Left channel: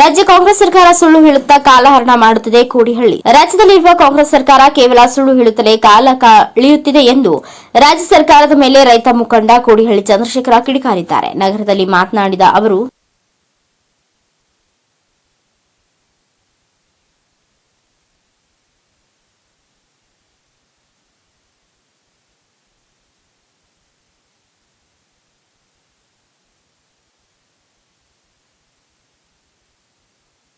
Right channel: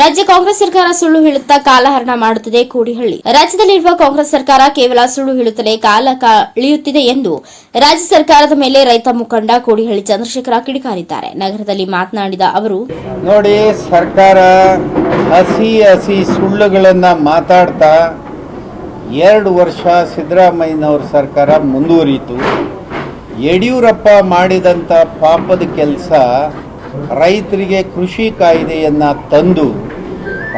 ರಾಜ್ಯ ಕಾಂಗ್ರೆಸ್ ಸರ್ಕಾರ ಸುಳ್ಳು ಹೇಳುತ್ತಾ ಕಾಲಹರಣ ಮಾಡುತ್ತಿದೆ ಕೋಡಿಹಳ್ಳಿ. ರಾಜ್ಯದಲ್ಲಿರುವ ಕಾಂಗ್ರೆಸ್ ಸರ್ಕಾರ ಕೇವಲ ಸುಳ್ಳು ಹೇಳುತ್ತಲೇ ಕಾಲ ಕಳೆಯುತ್ತಿದೆ ಎಂದು ರಾಜ್ಯ ಸರ್ಕಾರದ ಮೇಲೆ ರೈತ ಮುಖಂಡ ಕೋಡಿಹಳ್ಳಿ ಚಂದ್ರಶೇಖರ ಕಿಡಿಕಾರಿದ್ದಾರೆ. ನಗರದಲ್ಲಿ ಮಾತನಾಡಿದ ಅವರು, ನೋಡಿ, ಸರ್ಕಾರ ಹಸಿ ಹಸಿ ಸುಳ್ಳುಗಳನ್ನ ಮಾತಾಡ್ತಾ ಎರಡು ವರ್ಷ ಸಿದ್ದರಾಮಯ್ಯನವರ ಸರ್ಕಾರ ಮುಂದುವರಿಯಿತು. ಯಡಿಯೂರಪ್ಪ ಮಾಡಿದಂಥ ಪಾಪದ ಕೆಲಸ ರೈತರಿಗೆ ಕೃಷಿ ಕಾಯ್ದೆಯನ್ನು ತಂದು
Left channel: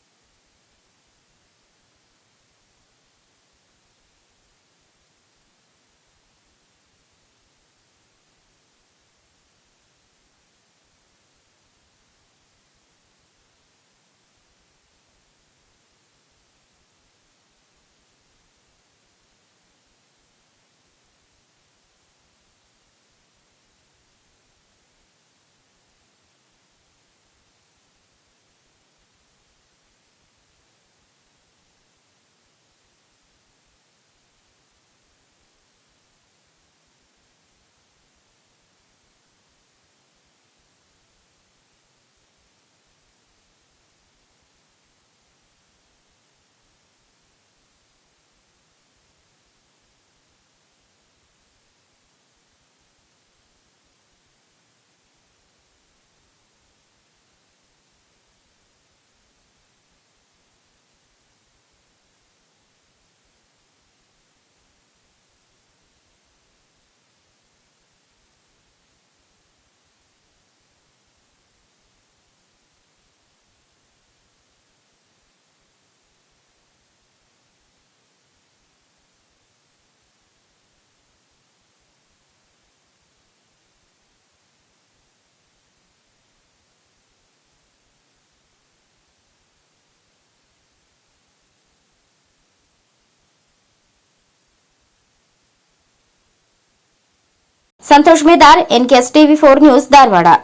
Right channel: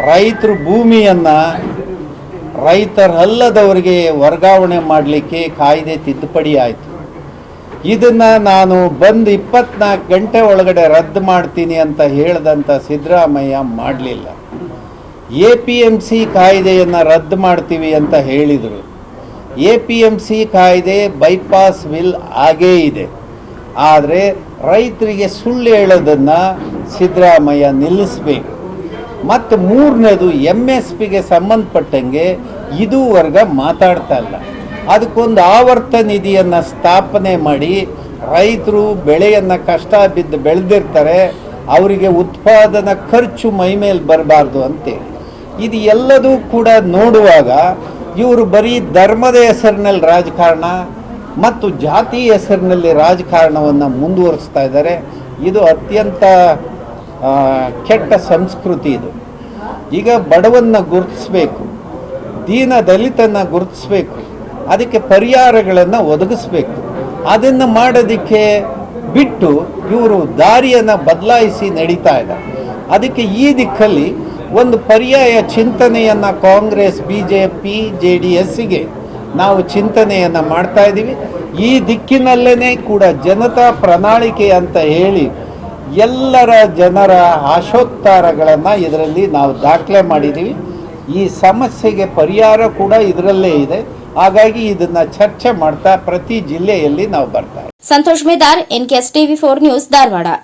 ರೈತರು ಭೂಮಿಯನ್ನು ರೈತರಲ್ಲದವರಿಗೆ ವರ್ಗಾವಣೆ ಮಾಡಲಿಕ್ಕೆ ಕಾಯ್ದೆ ತಿದ್ದುಪಡಿ ಆಯಿತು. ಇದನ್ನು ನಾನು ಬಂದು ಇಪ್ಪತ್ನಾಲ್ಕು ಗಂಟೆ ಒಳಗಡೆ ರದ್ದು ಮಾಡ್ತೀನಿ ಅಂತ ಹೇಳ್ದಂಥ ಸಿದ್ದರಾಮಯ್ಯ ಮಾಡಲಿಲ್ಲ. ಎ ಪಿ ಎಂ ಸಿ ಕಾಯ್ದೆಯನ್ನು ರದ್ದು ಮಾಡ್ತೀವಿ ಅಂತ ಹೇಳಿದರು. ಎ ಪಿ ಎಂ ಸಿ ಕಾಯ್ದೆ ಬೈಪಾಸ್ ವಿಲ್ ಆಗೇ ಇದೆ. ಆದರೆ ರೈತರಿಗೆ ಸುಳ್ಳು ಹೇಳೋದನ್ನು ಸಿದ್ದರಾಮಯ್ಯ ನಿಲ್ಲಿಸಬೇಕು. ಮತ್ತು ಮೂರನೇದು ಎಂ ಎಸ್ ಪಿಗೆ ಸಂಬಂಧಪಟ್ಟಂಗೆ ಇದುವರೆಗ ಮಾತಾಡ್ತಾ ಇಲ್ಲ. ಅದಕ್ಕೊಂದು ಆವರ್ತ ನಿಧಿಯನ್ನು ಸ್ಥಾಪನೆ ಮಾಡಿ ರೈತರು ಬೆಳೆಯನ್ನು ಕಷ್ಟ ಬಿದ್ದು ಬೆಳೆದಿರ್ತಾರೆ, ಅವರಿಗೆ ಉತ್ಪಾದನಾ ಖರ್ಚು ಮೈಮೇಲೆ ಬರಬಾರ್ದು ಅಂತೇಳಿ. ಇದು ಎಲ್ಲದೂ ಕೂಡ ನೋಡುವಾಗ ಇವರು ಬರೀ ಧರ್ಮದ ಹೆಸರಿನಲ್ಲಿ ರಾಜಕಾರಣ ಮತ್ತು ಜಾತಿ ಹೆಸರಿನಲ್ಲಿ ರಾಜಕಾರಣವನ್ನು ಮುಂದುವರಿಸ್ತಾ ಇದ್ದಾರೆ. ಇದು ಅತ್ಯಂತ ಕೆಟ್ಟ ಸಂಸ್ಕೃತಿ ಇದು. ಈಗ ಬಡವನ್ನ ಗುರುತಿಸ್ಬೇಕು, ದೀನ ದಲಿತನ್ನ ಗುರುತಿಸ್ಬೇಕು, ಅದಕ್ಕೆ ಪರಿಹಾರಗಳನ್ನು ಒದಗಿಸ್ಬೇಕು. ಅದನ್ನು ಮಾಡೋದಕ್ಕೆ ಬಿಟ್ಟು ಇವರು ದಾರಿಯನ್ನು ಬದಲಾಯಿಸಿ ನಡೀತಾ ಇದ್ದಾರೆ. ಅದಕ್ಕೆ ಈ ದಿಕ್ಕಲ್ಲಿ ಒಂದು ಪರ್ಯಾಯ ಚಿಂತನೆಯನ್ನು Congress B J P J D ಎಸ್ಸಿಗೆ ನಾವು ಚಿಂತನೆಯನ್ನು ಮಾಡ್ತಾ ಇದ್ದೀವಿ. ಈ ದಿಕ್ಕಿನಲ್ಲೇ ಕೂಡ ಜನತಾ ಪ್ರಣಾಳಿಕೆ ಅಂತ ಹೇಳಿ ಎಲ್ಲರ ಜನರ ಆಶೋತ್ತಾರಗಳನ್ನು ಇದರಲ್ಲಿ ನಾವು ದಾಖಲೆ ಮಾಡಿದ್ದೀವಿ ಈ ಸಮಸ್ಯೆಗೆ ಪರಿಹಾರ ಕೂಡ ಇದರಲ್ಲೇ ಇದೆ. ಹಾಗಾಗಿ ಇದನ್ನ ಚರ್ಚೆ ಮಾಡ್ತಾ ಪ್ರತಿ ಜಿಲ್ಲೆಯಲ್ಲಿ ನಾವು ಬರ್ತಾ. Santosh Medar NKS TV four news Dharwad.